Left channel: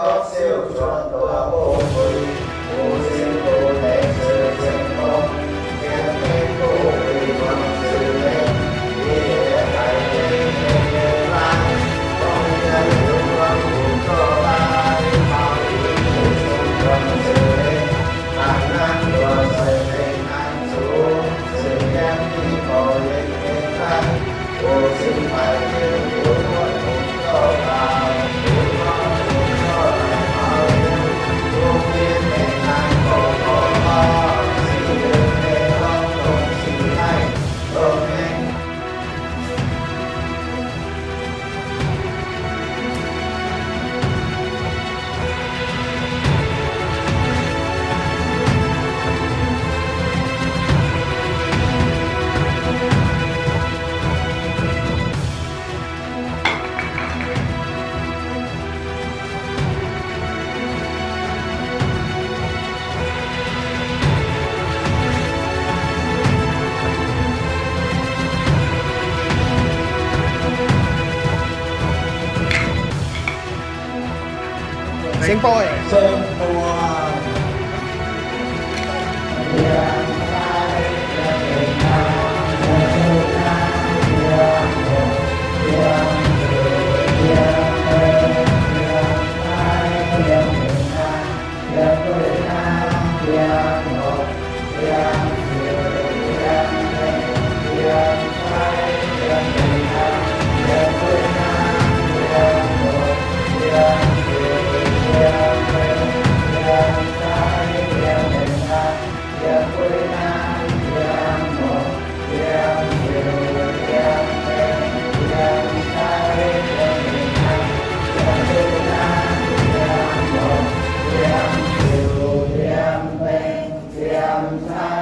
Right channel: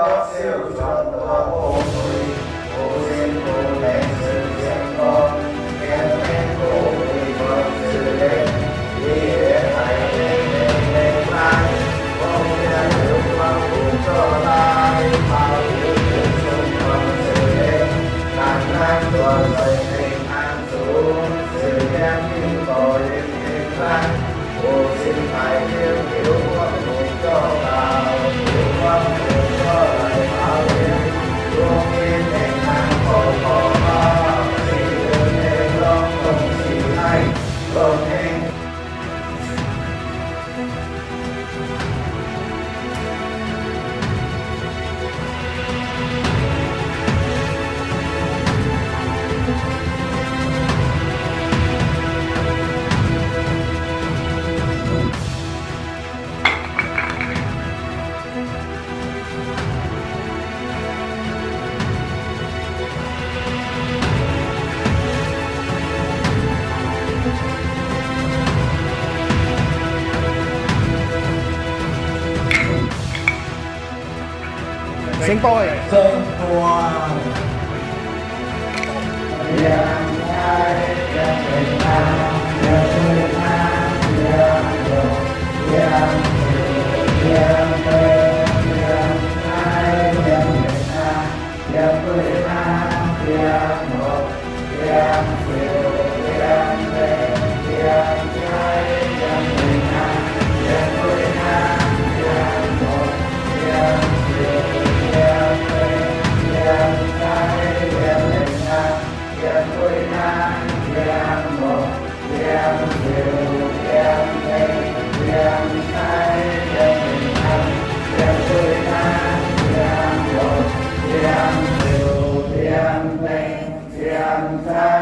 có siêu chuẩn của bộ người bộ sinh bộ thể sự riêng con kèm thêm bộ người con sự lên đi để hãy lên mai con nhân hướng con cuộc cho lại bao yêu thương chung con sự lên đàn nan đùa rời tình an xuống sự đem đi khỏi lên hình an bộ sinh phải yêu thương con cuộc cho lại con cuộc cho lại bao yêu luôn yên bình an còn có chỉ được nên con không chỉ hay amen. Sinh phôi. Sơn Hoàng Điềm Thái Điềm Bình An Điềm Thư An Điềm Một Điềm Sự Điềm Tây Điềm Thái Điềm Bình An Điềm Thư An Điềm Một Điềm Sự Điềm Tây Điềm Thái Điềm Bình An Điềm Thư An Điềm Một Điềm Sự Điềm Tây Điềm Thái Điềm Bình An Điềm Quy An Điềm Một Điềm Sự Điềm Tây Điềm Thái Điềm Bình An Điềm Quy An Điềm Một Điềm Sự Điềm Tây Điềm Thái